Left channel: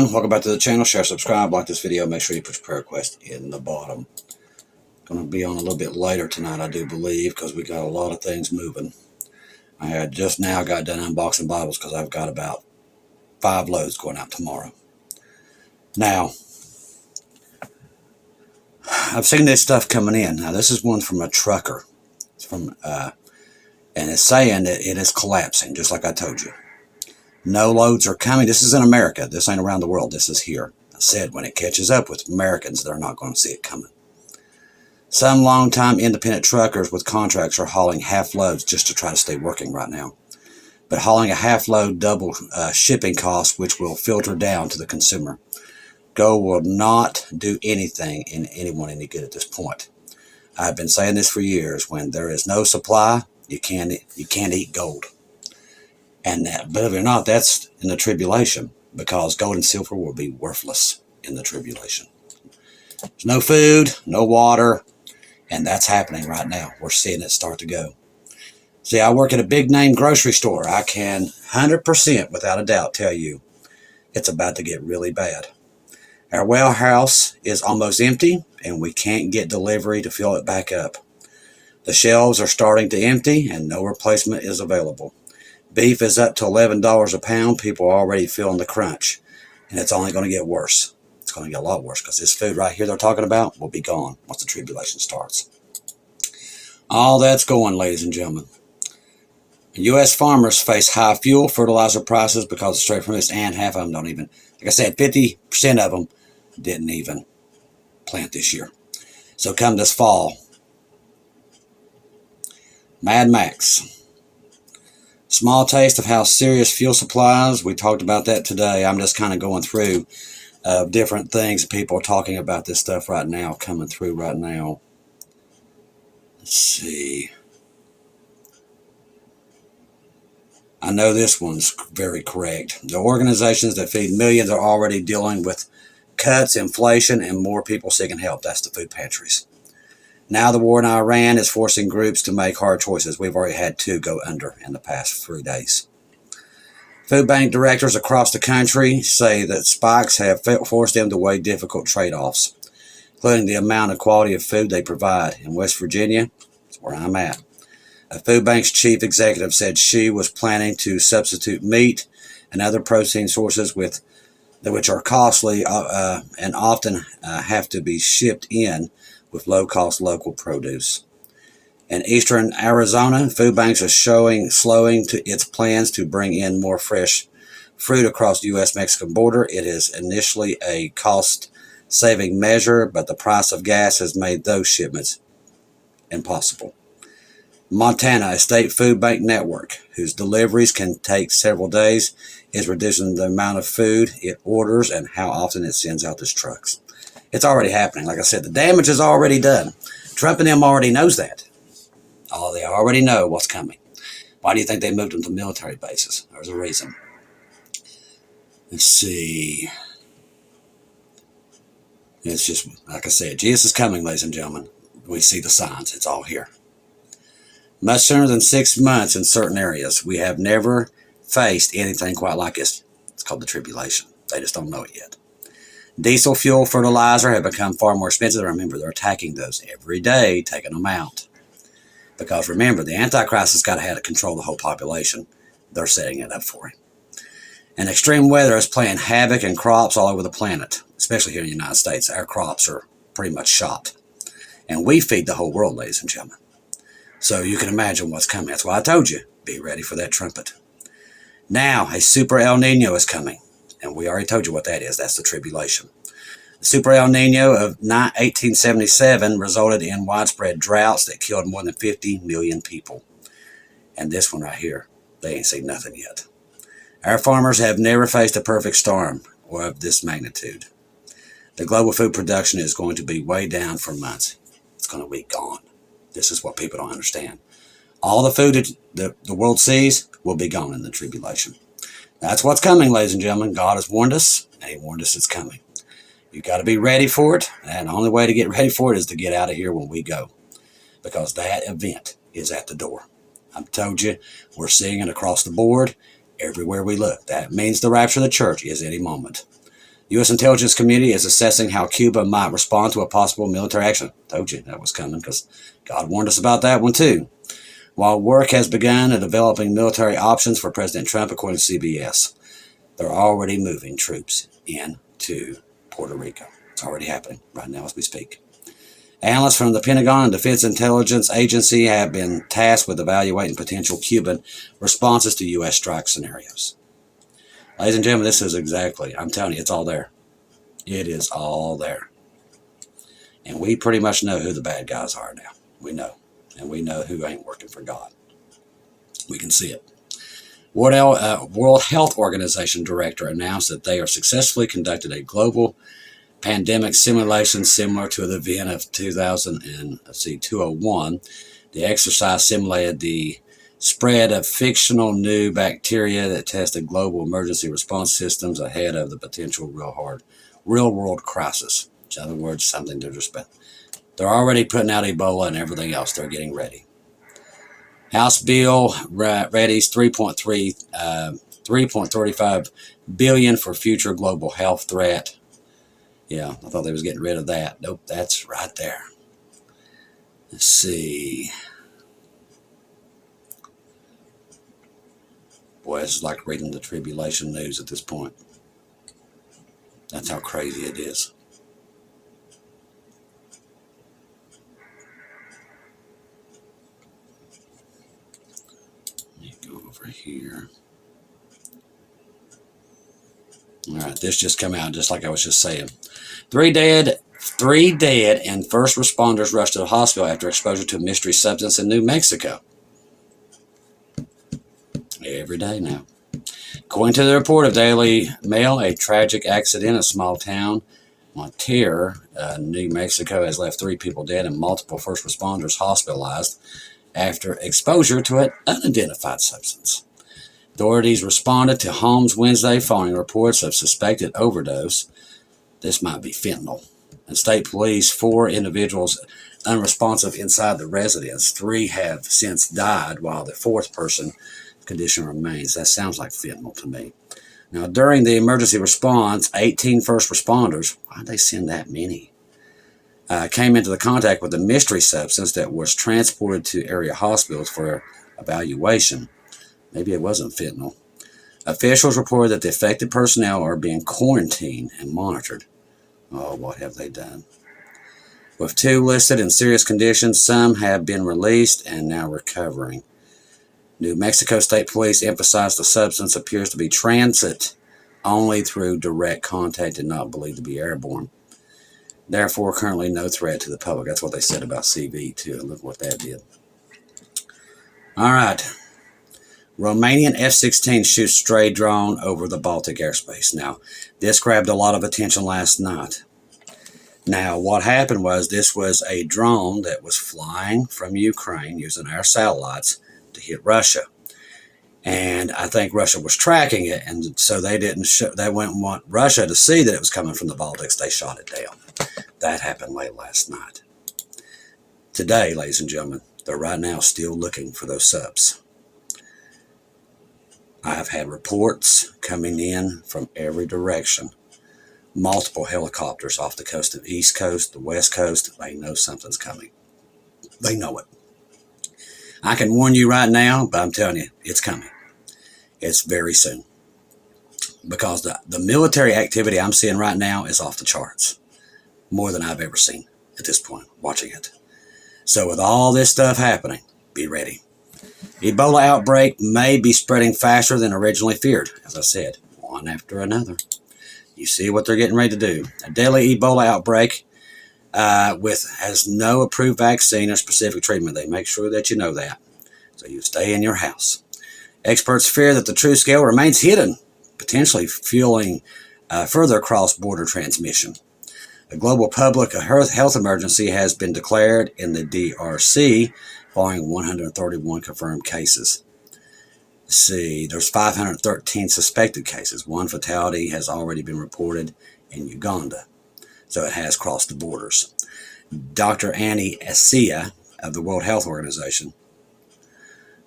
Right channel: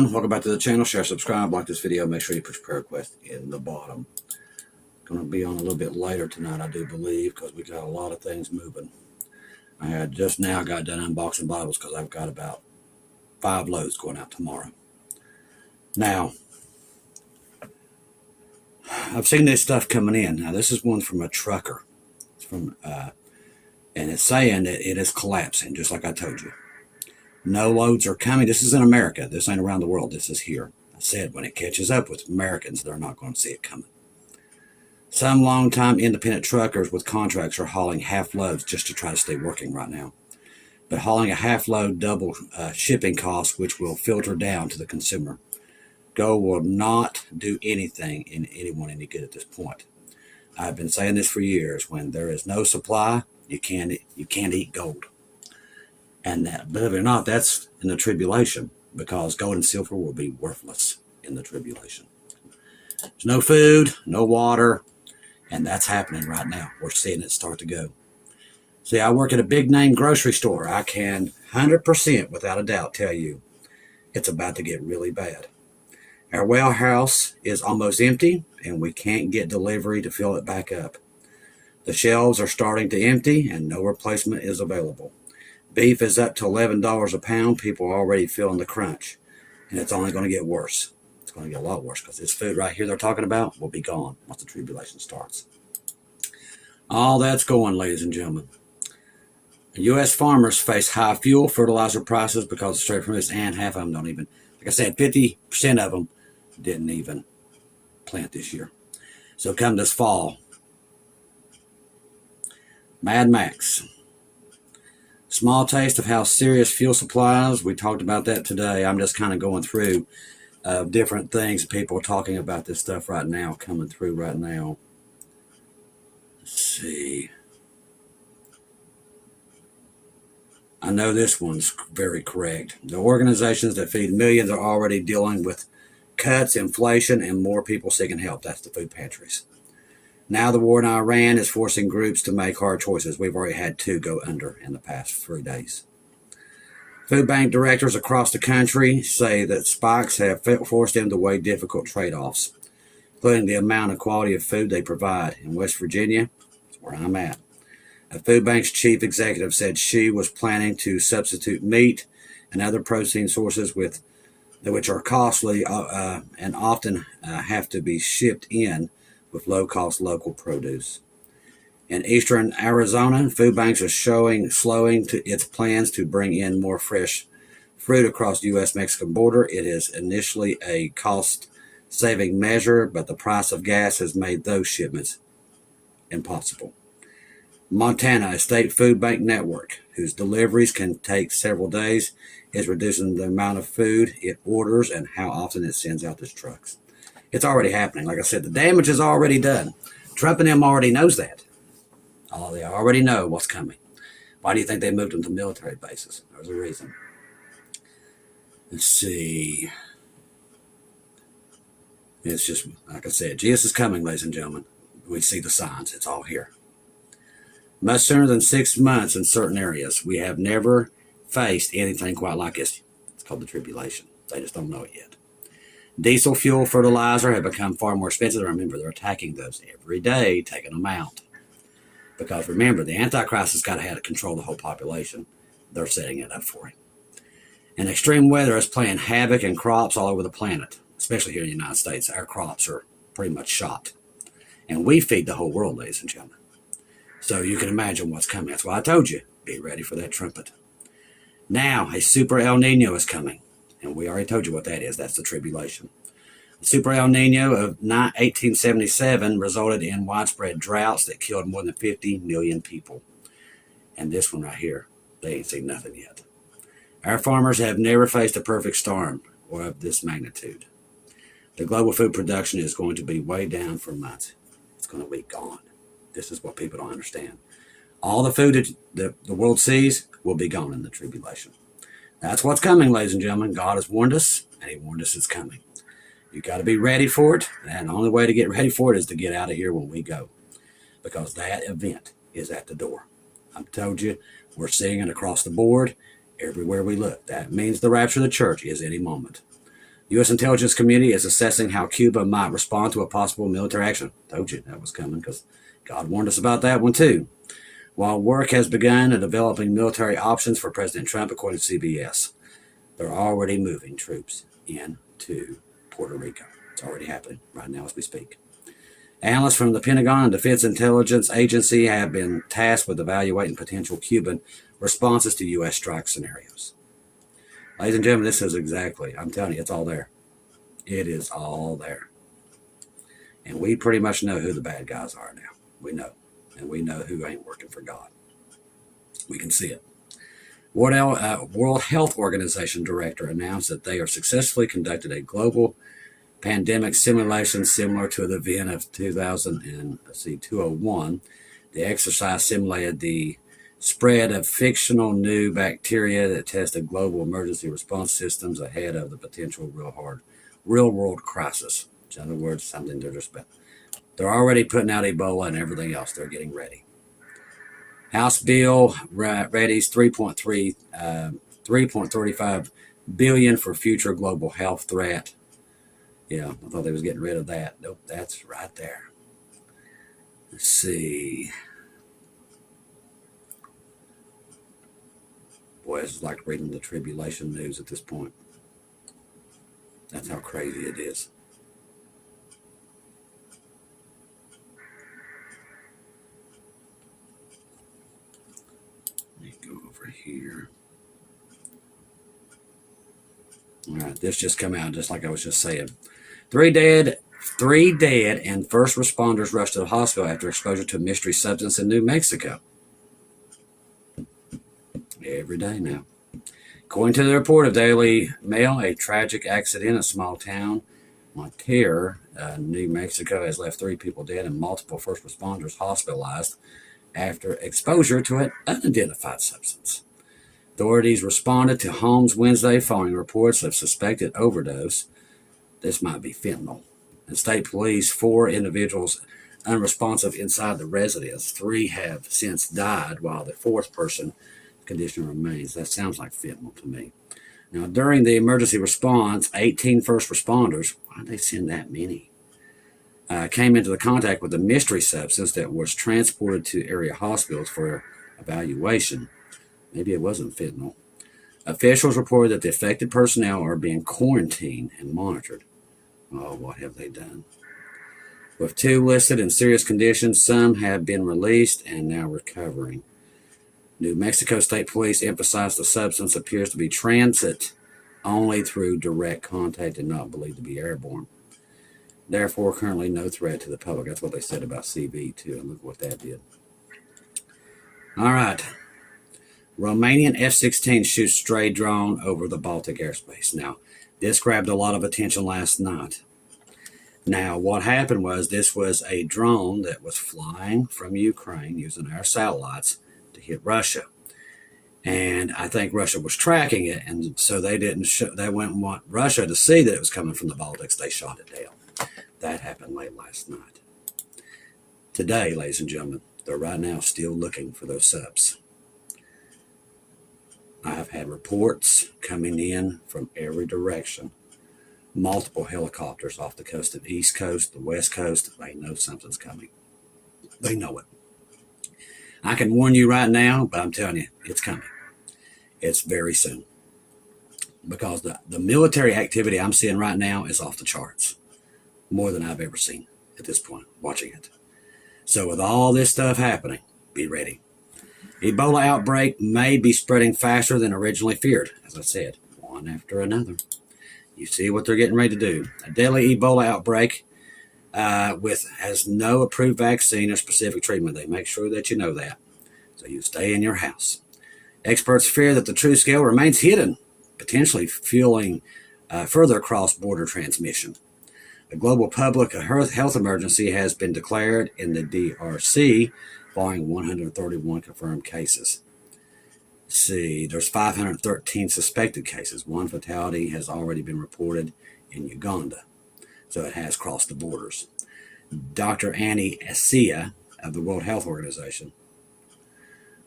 everyone, welcome back to the channel. Share, subscribe, like this video. Make sure you put your prayer request in the bottom. Going to be on a little bit later tonight, I do believe, because we got a lot of things moving. I had just now got done unboxing Bibles because I've got about 5 loads going out tomorrow. Now, I've seen this stuff coming in. Now, this is one from a trucker. It's from, and it's saying that it is collapsing, just like I told you. No loads are coming. This is in America. This ain't around the world. This is here. I said when it catches up with Americans, they're not going to see it coming. Some long-time independent truckers with contracts are hauling half loads just to try to stay working right now. But hauling a half load double shipping costs, which will filter down to the consumer. Go will not do anything in anyone any good at this point. I've been saying this for years. When there is no supply, you can't eat gold. And that, believe it or not, that's in the tribulation, because gold and silver will be worthless in the tribulation. There's no food, no water, and that's happening right now. We're seeing it start to go. See, I work at a big name grocery store. I can 100% without a doubt tell you it's about to get really bad. Our warehouse is almost empty, and we can't get delivery to fill it back up. The shelves are starting to empty, and no replacement is available. Beef is up to $11 a pound. People are already feeling the crunch, and it's only going to get worse. It's going to get a lot worse because this food right here they're talking about will be gone once the tribulation starts. All that's going, ladies and gentlemen. U.S. farmers face high fuel fertilizer prices because of straight from this, and half of them don't even, like I said, 50% of them didn't even plant this year. So come this fall, Mad Max. Small taste of how serious fuel supplies. We talked about that today. I'm just kind of going through different things. People are talking about this stuff right now, coming through right now. Let's see. I know this one's very correct. The organizations that feed millions are already dealing with cuts, inflation, and more people seeking help. That's the food pantries. Now the war in Iran is forcing groups to make hard choices. We've already had 2 go under in the past 3 days. Food bank directors across the country say that spikes have forced them to weigh difficult trade-offs, including the amount of quality of food they provide. In West Virginia, that's where I'm at, a food bank's chief executive said she was planning to substitute meat and other protein sources which are costly and often have to be shipped in with low-cost local produce. In eastern Arizona, food banks are slowing to its plans to bring in more fresh fruit across the U.S.-Mexican border. It is initially a cost-saving measure, but the price of gas has made those shipments impossible. Montana, a state food bank network whose deliveries can take several days, is reducing the amount of food it orders and how often it sends out its trucks. It's already happening. Like I said, the damage is already done. Trump and them already knows that. Oh, they already know what's coming. Why do you think they moved them to military bases? There's a reason. Let's see. It's just, like I said, Jesus is coming, ladies and gentlemen. We see the signs. It's all here. Much sooner than 6 months in certain areas. We have never faced anything quite like this. It's called the tribulation. They just don't know it yet. Diesel fuel, fertilizer have become far more expensive. Remember, they're attacking those every day, taking them out. Because remember, the Antichrist has got to have to control the whole population. They're setting it up for him. And extreme weather is playing havoc in crops all over the planet, especially here in the United States. Our crops are pretty much shot. And we feed the whole world, ladies and gentlemen. So you can imagine what's coming. That's why I told you, be ready for that trumpet. Now, a super El Nino is coming. And we already told you what that is. That's the tribulation. The Super El Nino of 1877 resulted in widespread droughts that killed more than 50 million people. And this one right here, they ain't seen nothing yet. Our farmers have never faced a perfect storm or of this magnitude. The global food production is going to be way down for months. It's going to be gone. This is what people don't understand. All the food that the world sees will be gone in the tribulation. That's what's coming, ladies and gentlemen. God has warned us, and he warned us it's coming. You got to be ready for it, and the only way to get ready for it is to get out of here when we go, because that event is at the door. I've told you, we're seeing it across the board, everywhere we look. That means the rapture of the church is any moment. U.S. intelligence community is assessing how Cuba might respond to a possible military action. Told you that was coming because God warned us about that one too. While work has begun at developing military options for President Trump, according to CBS, they're already moving troops into Puerto Rico. It's already happening right now as we speak. Analysts from the Pentagon and Defense Intelligence Agency have been tasked with evaluating potential Cuban responses to U.S. strike scenarios. Ladies and gentlemen, this is exactly, I'm telling you, it's all there. It is all there. And we pretty much know who the bad guys are now. We know. And we know who ain't working for God. We can see it. World Health Organization director announced that they are successfully conducted a global pandemic simulation similar to the event of 201. The exercise simulated the spread of fictional new bacteria that tested global emergency response systems ahead of the potential real world crisis. In other words, something they're already putting out Ebola and everything else. They're getting ready. House bill readies $3.35 billion for future global health threat. Yeah, I thought they was getting rid of that. Nope, that's right there. Let's see. Boy, it's like reading the tribulation news at this point. That's how crazy it is. Let me go over here. All right, this just came out just like I was just saying. Three dead, and first responders rushed to the hospital after exposure to a mystery substance in New Mexico. Every day now. According to the report of Daily Mail, a tragic accident in a small town, Monterrey, New Mexico, has left 3 people dead and multiple first responders hospitalized after exposure to an unidentified substance. Authorities responded to homes Wednesday following reports of suspected overdose. This might be fentanyl. And state police, 4 individuals unresponsive inside the residence. 3 have since died, while the 4th person condition remains. That sounds like fentanyl to me. Now, during the emergency response, 18 first responders, why'd they send that many, came into contact with a mystery substance that was transported to area hospitals for evaluation. Maybe it wasn't fentanyl. Officials reported that the affected personnel are being quarantined and monitored. Oh, what have they done? With 2 listed in serious conditions, some have been released and now recovering. New Mexico State Police emphasized the substance appears to be transit only through direct contact and not believed to be airborne. Therefore, currently no threat to the public. That's what they said about CV too. And look what that did. All right. Romanian F-16 shoots stray drone over the Baltic airspace. Now, this grabbed a lot of attention last night. Now, what happened was this was a drone that was flying from Ukraine using our satellites to hit Russia. And I think Russia was tracking it, and so they didn't they wouldn't want Russia to see that it was coming from the Baltics. They shot it down. That happened late last night. Today, ladies and gentlemen, they're right now still looking for those subs. I've had reports coming in from every direction. Multiple helicopters off the coast of the East Coast, the West Coast. They know something's coming. They know it. I can warn you right now, but I'm telling you, it's coming. It's very soon. Because the military activity I'm seeing right now is off the charts. More than I've ever seen at this point, watching it. So with all this stuff happening, be ready. Ebola outbreak may be spreading faster than originally feared. As I said, one after another. You see what they're getting ready to do. A deadly Ebola outbreak has no approved vaccine or specific treatment. They make sure that you know that. So you stay in your house. Experts fear that the true scale remains hidden, potentially fueling further cross-border transmission. A global public health emergency has been declared in the DRC following 131 confirmed cases. Let's see, there's 513 suspected cases. 1 fatality has already been reported in Uganda. So it has crossed the borders. Dr. Annie Asia of the World Health Organization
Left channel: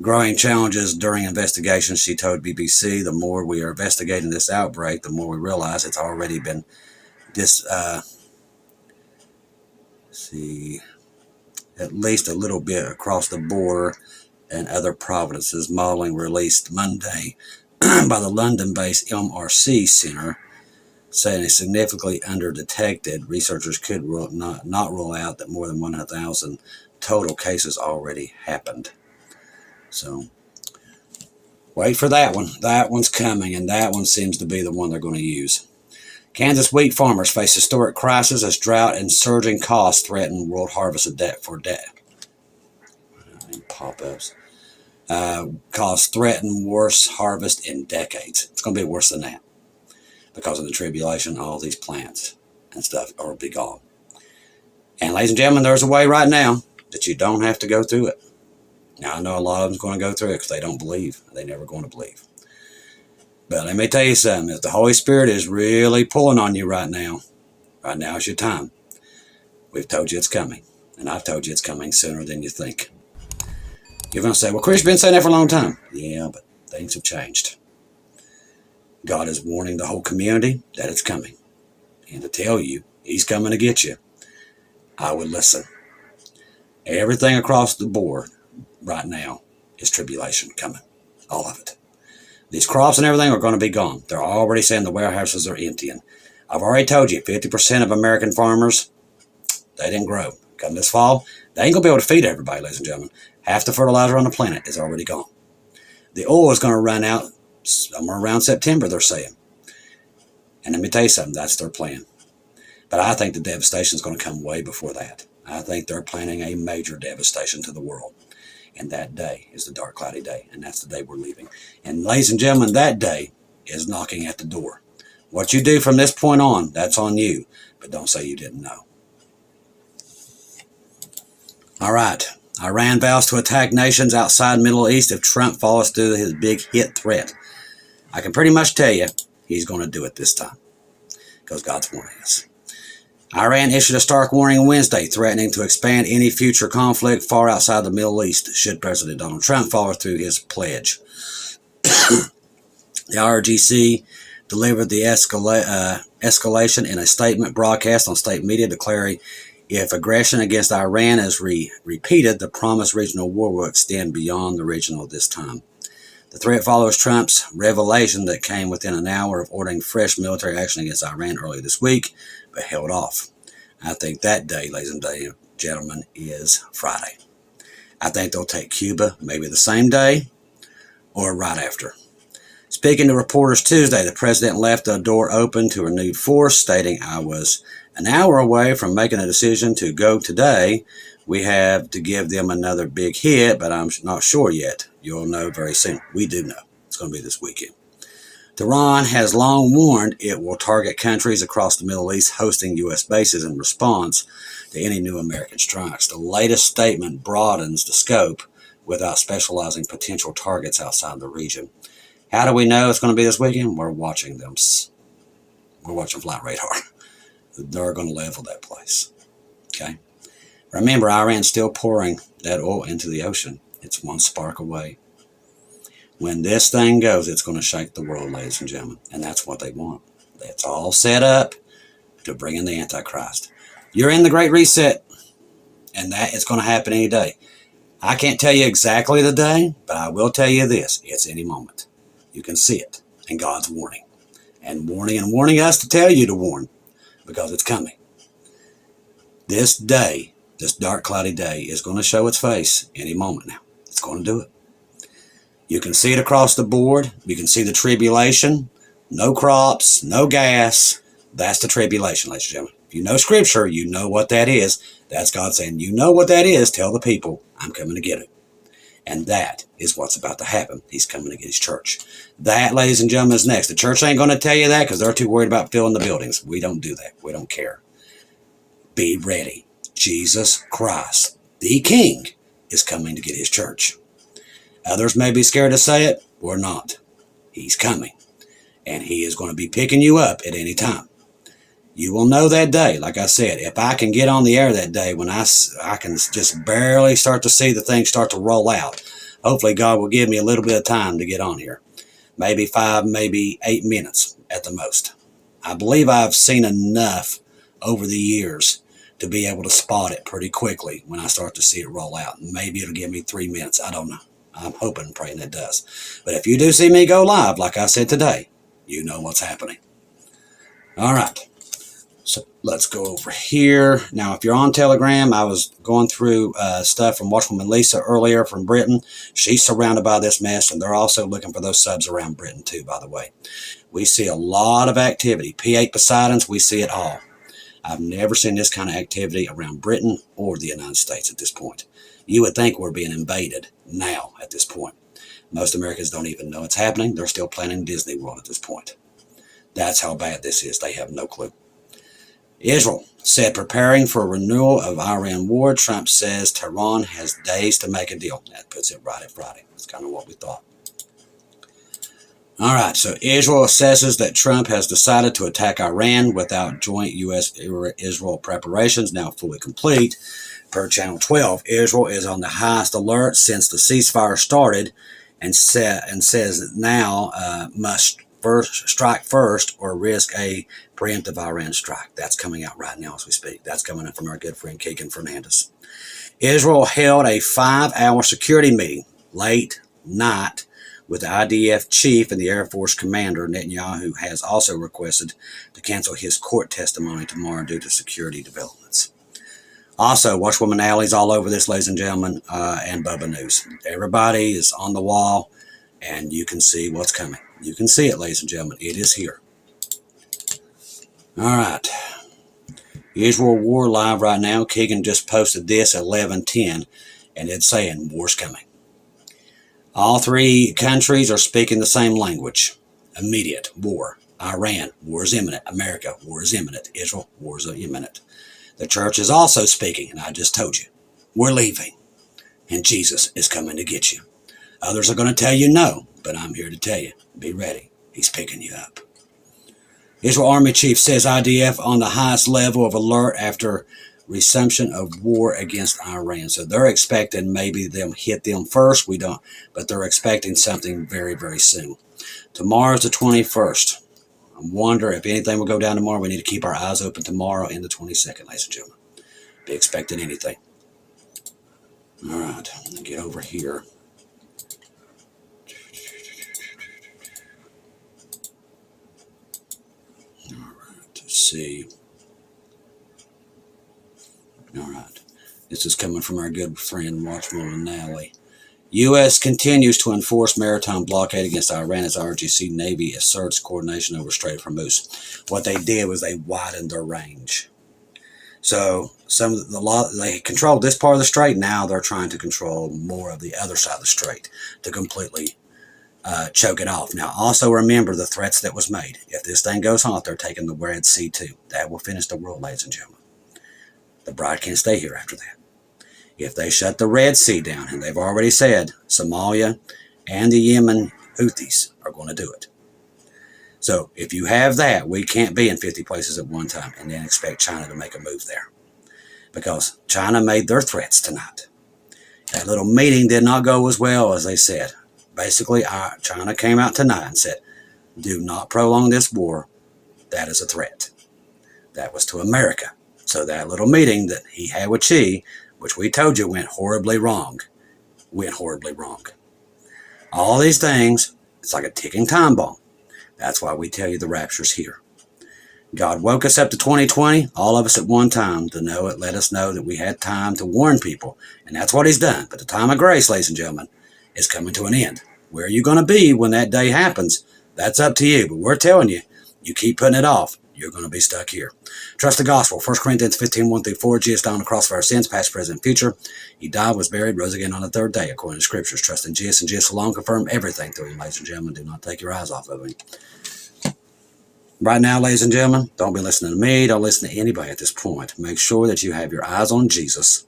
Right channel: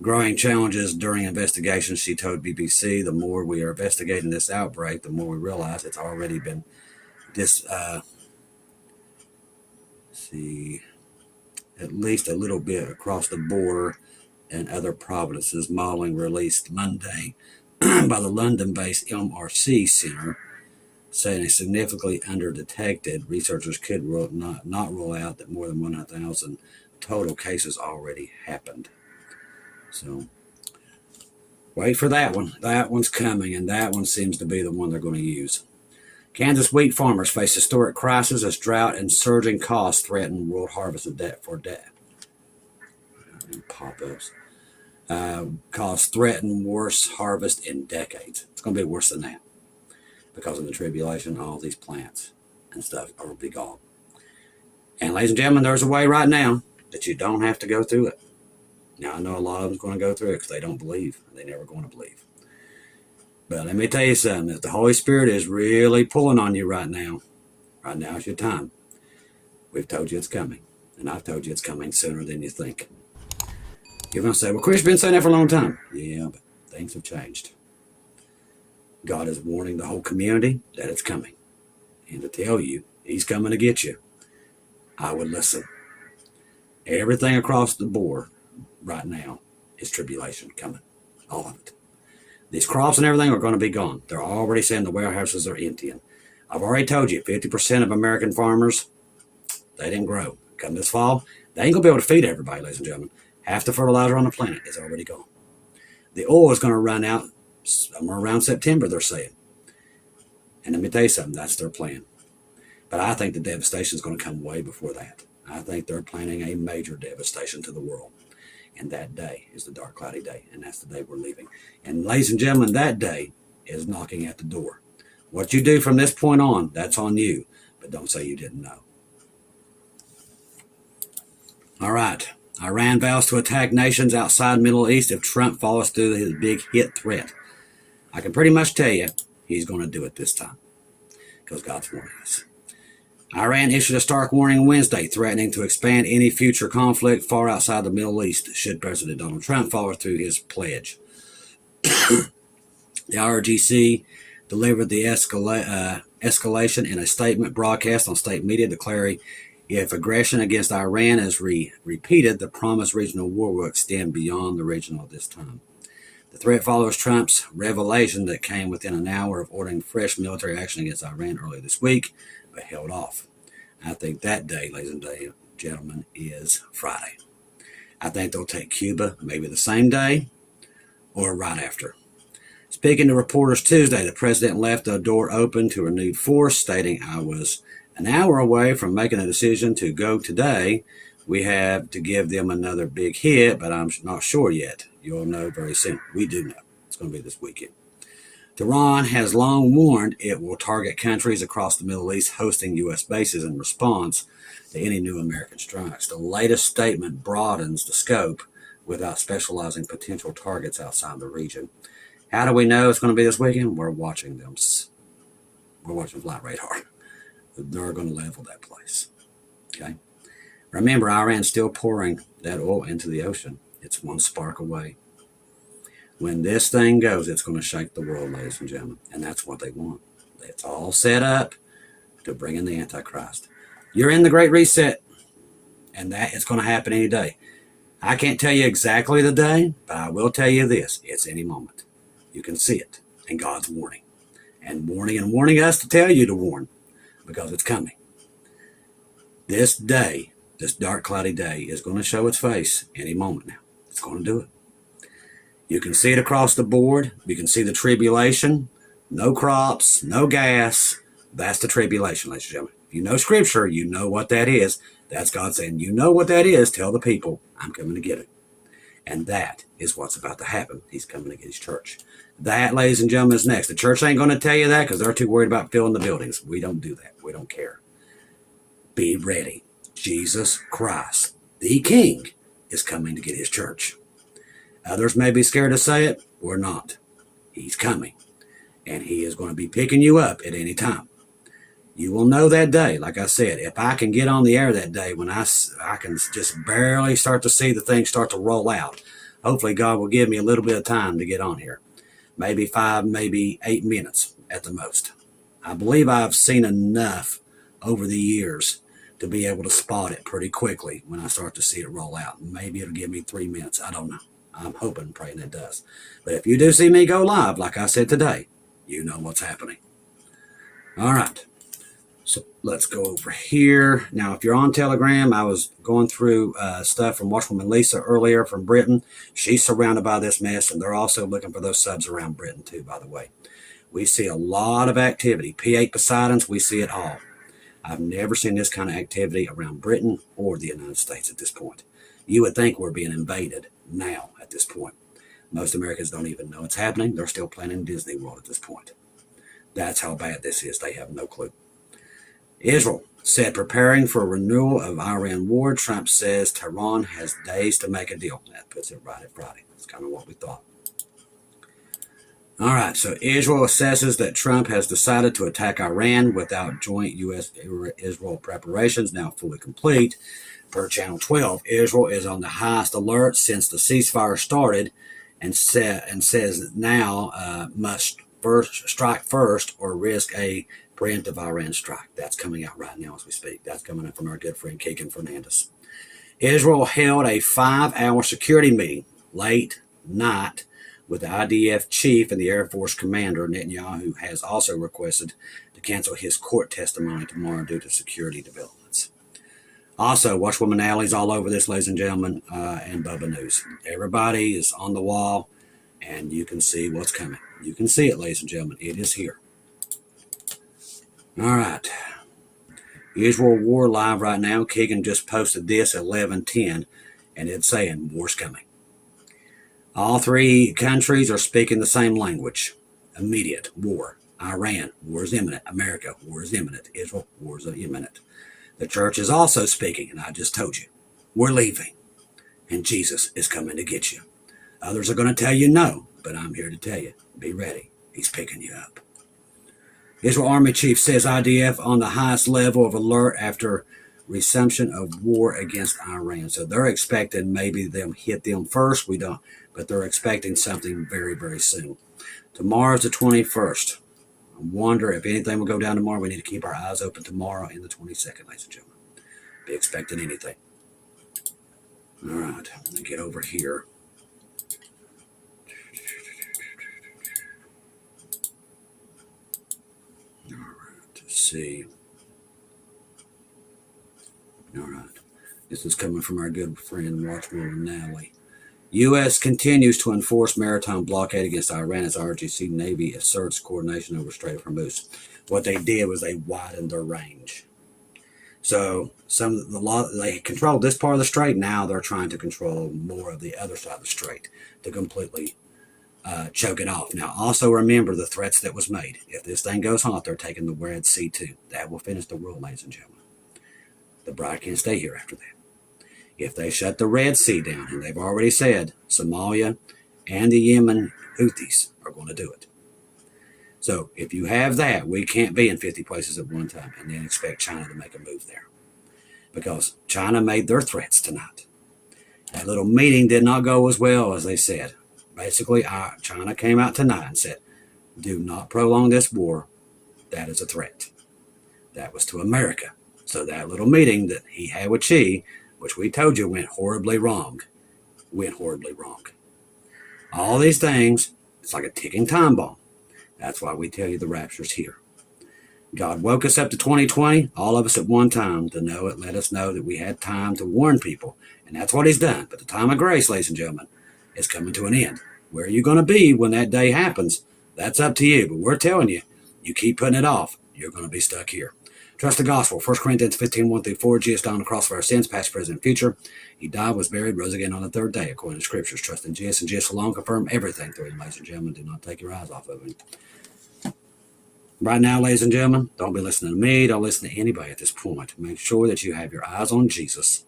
Growing challenges during investigations, she told BBC. The more we are investigating this outbreak, the more we realize it's already been at least a little bit across the border and other provinces. Modeling released Monday by the London-based MRC Center, saying it's significantly underdetected. Researchers could not rule out that more than 100,000 total cases already happened. So wait for that one. That one's coming, and that one seems to be the one they're going to use. Kansas wheat farmers face historic crisis as drought and surging costs threaten world harvest of debt for debt. Pop-ups. Costs threaten worst harvest in decades. It's going to be worse than that. Because of the tribulation, all these plants and stuff will be gone. And ladies and gentlemen, there's a way right now that you don't have to go through it. Now, I know a lot of them's going to go through it because they don't believe. They're never going to believe. But let me tell you something. If the Holy Spirit is really pulling on you right now is your time. We've told you it's coming. And I've told you it's coming sooner than you think. You're going to say, well, Chris, you've been saying that for a long time. Yeah, but things have changed. God is warning the whole community that it's coming. And to tell you, he's coming to get you, I would listen. Everything across the board right now is tribulation coming. All of it. These crops and everything are going to be gone. They're already saying the warehouses are emptying. I've already told you, 50% of American farmers, they didn't grow. Come this fall, they ain't going to be able to feed everybody, ladies and gentlemen. Half the fertilizer on the planet is already gone. The oil is going to run out somewhere around September, they're saying. And let me tell you something, that's their plan. But I think the devastation is going to come way before that. I think they're planning a major devastation to the world. And that day is the dark, cloudy day. And that's the day we're leaving. And ladies and gentlemen, that day is knocking at the door. What you do from this point on, that's on you. But don't say you didn't know. All right. Iran vows to attack nations outside Middle East if Trump follows through his big hit threat. I can pretty much tell you he's going to do it this time. Because God's warning us. Iran issued a stark warning Wednesday, threatening to expand any future conflict far outside the Middle East should President Donald Trump follow through his pledge. The IRGC delivered the escalation in a statement broadcast on state media, declaring if aggression against Iran is repeated, the promised regional war will extend beyond the regional this time. The threat follows Trump's revelation that came within an hour of ordering fresh military action against Iran earlier this week, but held off. I think that day, ladies and gentlemen, is Friday. I think they'll take Cuba maybe the same day or right after. Speaking to reporters Tuesday, the president left the door open to renewed force, stating, I was an hour away from making a decision to go today. We have to give them another big hit, but I'm not sure yet. You'll know very soon. We do know. It's going to be this weekend. Tehran has long warned it will target countries across the Middle East hosting U.S. bases in response to any new American strikes. The latest statement broadens the scope without specializing potential targets outside the region. How do we know it's going to be this weekend? We're watching them. We're watching flight radar. They're going to level that place. Okay? Remember, Iran's still pouring that oil into the ocean. It's one spark away. When this thing goes, it's going to shake the world, ladies and gentlemen. And that's what they want. It's all set up to bring in the Antichrist. You're in the Great Reset, and that is going to happen any day. I can't tell you exactly the day, but I will tell you this. It's any moment. You can see it in God's warning. And warning us to tell you to warn, because it's coming. This day, this dark, cloudy day, is going to show its face any moment now. It's going to do it. You can see it across the board. You can see the tribulation. No crops, no gas. That's the tribulation, ladies and gentlemen. If you know Scripture, you know what that is. That's God saying, you know what that is. Tell the people, I'm coming to get it. And that is what's about to happen. He's coming to get his church. That, ladies and gentlemen, is next. The church ain't going to tell you that because they're too worried about filling the buildings. We don't do that. We don't care. Be ready. Jesus Christ, the King, is coming to get his church. Others may be scared to say it. We're not. He's coming. And he is going to be picking you up at any time. You will know that day. Like I said, if I can get on the air that day when I can just barely start to see the thing start to roll out. hopefully God will give me a little bit of time to get on here. Maybe 5, maybe 8 minutes at the most. I believe I've seen enough over the years to be able to spot it pretty quickly when I start to see it roll out. Maybe it'll give me 3 minutes. I don't know. I'm hoping and praying it does. But if you do see me go live, like I said today, you know what's happening. All right. So let's go over here. Now, if you're on Telegram, I was going through stuff from Watchwoman Lisa earlier from Britain. She's surrounded by this mess, and they're also looking for those subs around Britain too, by the way. We see a lot of activity. P8 Poseidons, we see it all. I've never seen this kind of activity around Britain or the United States at this point. You would think we're being invaded now at this point. Most Americans don't even know it's happening. They're still planning Disney World at this point. That's how bad this is. They have no clue. Israel said preparing for a renewal of Iran war. Trump says Tehran has days to make a deal. That puts it right at Friday. That's kind of what we thought. All right, so Israel assesses that Trump has decided to attack Iran without joint U.S.-Israel preparations now fully complete. Per Channel 12, Israel is on the highest alert since the ceasefire started and says now must strike first or risk a preemptive Iran strike. That's coming out right now as we speak. That's coming in from our good friend Keegan Fernandez. Israel held a 5-hour security meeting late night with the IDF chief and the Air Force commander. Netanyahu has also requested to cancel his court testimony tomorrow due to security developments. Also, Watchwoman Alley's all over this, ladies and gentlemen, and Bubba News. Everybody is on the wall, and you can see what's coming. You can see it, ladies and gentlemen. It is here. All right. Israel War live right now. Keegan just posted this at 11:10, and it's saying war's coming. All three countries are speaking the same language. Immediate war. Iran, war is imminent. America, war is imminent. Israel, war is imminent. The church is also speaking, and I just told you, we're leaving, and Jesus is coming to get you. Others are going to tell you no, but I'm here to tell you, be ready. He's picking you up. Israel Army Chief says IDF on the highest level of alert after resumption of war against Iran. So they're expecting maybe them hit them first. We don't, but they're expecting something very, very soon. Tomorrow's the 21st. I wonder if anything will go down tomorrow. We need to keep our eyes open tomorrow and the 22nd, ladies and gentlemen. Be expecting anything. All right, let me get over here. All right, let's see. All right, this is coming from our good friend Watchwoman Nally. U.S. continues to enforce maritime blockade against Iran as RGC Navy asserts coordination over Strait of Hormuz. What they did was they widened their range. So they controlled this part of the strait. Now they're trying to control more of the other side of the strait to completely choke it off. Now, also remember the threats that was made. If this thing goes hot, they're taking the Red Sea too. That will finish the world, ladies and gentlemen. The bride can't stay here after that. If they shut the Red Sea down, and they've already said Somalia and the Yemen Houthis are going to do it. So if you have that, we can't be in 50 places at one time and then expect China to make a move there. Because China made their threats tonight. That little meeting did not go as well as they said. Basically, China came out tonight and said, do not prolong this war. That is a threat. That was to America. So that little meeting that he had with Xi, which we told you went horribly wrong. All these things, it's like a ticking time bomb. That's why we tell you the rapture's here. God woke us up to 2020, all of us at one time, to know it, let us know that we had time to warn people. And that's what he's done. But the time of grace, ladies and gentlemen, is coming to an end. Where are you going to be when that day happens? That's up to you. But we're telling you, you keep putting it off, you're going to be stuck here. Trust the gospel. 1 Corinthians 15, 1-4. Jesus died on the cross for our sins, past, present, and future. He died, was buried, rose again on the third day, according to scriptures. Trust in Jesus and Jesus alone. Confirm everything through him, ladies and gentlemen. Do not take your eyes off of him. Right now, ladies and gentlemen, don't be listening to me. Don't listen to anybody at this point. Make sure that you have your eyes on Jesus.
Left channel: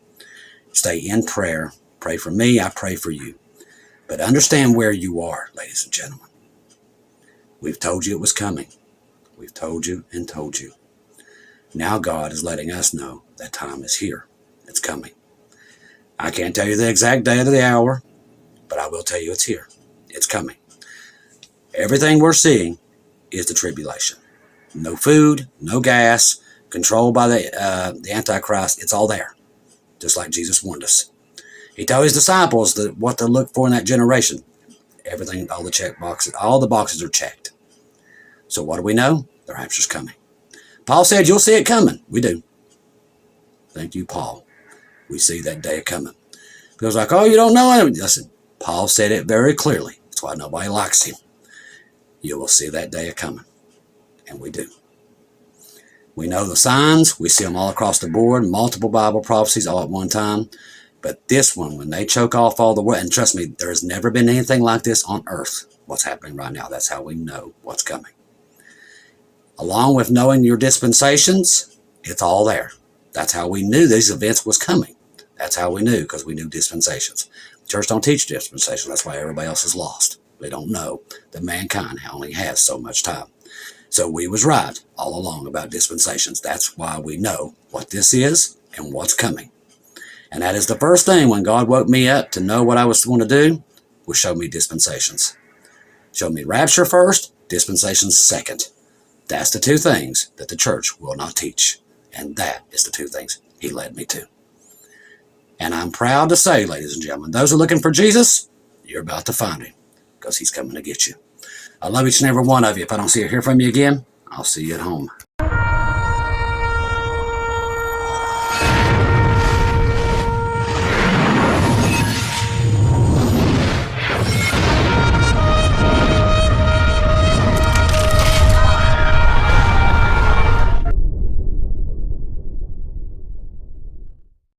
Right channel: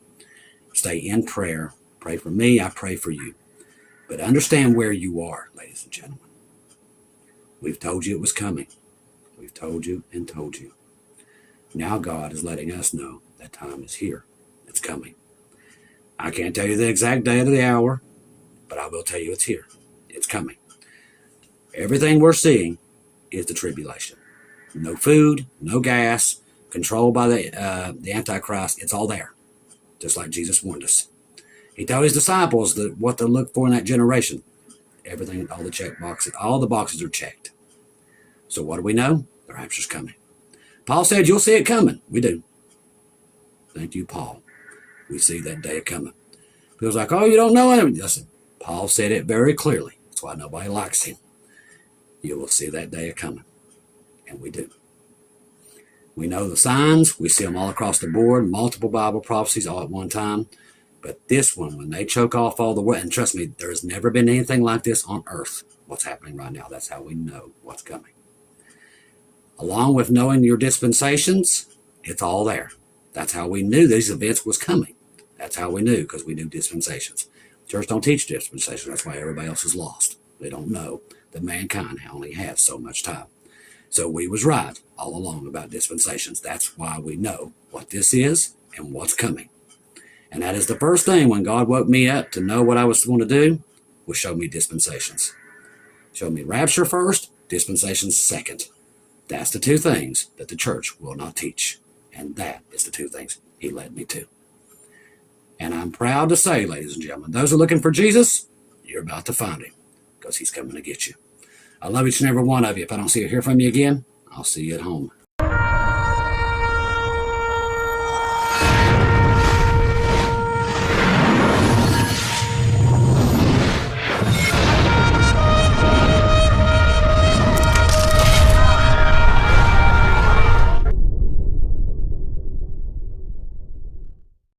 Stay in prayer. Pray for me. I pray for you. But understand where you are, ladies and gentlemen. We've told you it was coming. We've told you and told you. Now God is letting us know that time is here. It's coming. I can't tell you the exact day or the hour. But I will tell you it's here. It's coming. Everything we're seeing is the tribulation. No food, no gas, controlled by the Antichrist. It's all there, just like Jesus warned us. He told his disciples that what to look for in that generation. Everything, all the check boxes, all the boxes are checked. So what do we know? The rapture's coming. Paul said, you'll see it coming. We do. Thank you, Paul. We see that day coming. People's like, oh, you don't know it. Listen, Paul said it very clearly. That's why nobody likes him. You will see that day coming. And we do. We know the signs. We see them all across the board. Multiple Bible prophecies all at one time. But this one, when they choke off all the world, and trust me, there has never been anything like this on earth. What's happening right now. That's how we know what's coming. Along with knowing your dispensations, it's all there. That's how we knew these events was coming. That's how we knew, because we knew dispensations. The church don't teach dispensations. That's why everybody else is lost. They don't know that mankind only has so much time. So we was right all along about dispensations. That's why we know what this is and what's coming. And that is the first thing when God woke me up to know what I was going to do, was show me dispensations. Show me rapture first, dispensations second. That's the two things that the church will not teach. And that is the two things he led me to. And I'm proud to say, ladies and gentlemen, those who are looking for Jesus, you're about to find him, because he's coming to get you. I love each and every one of you. If I don't see or hear from you again, I'll see you at home.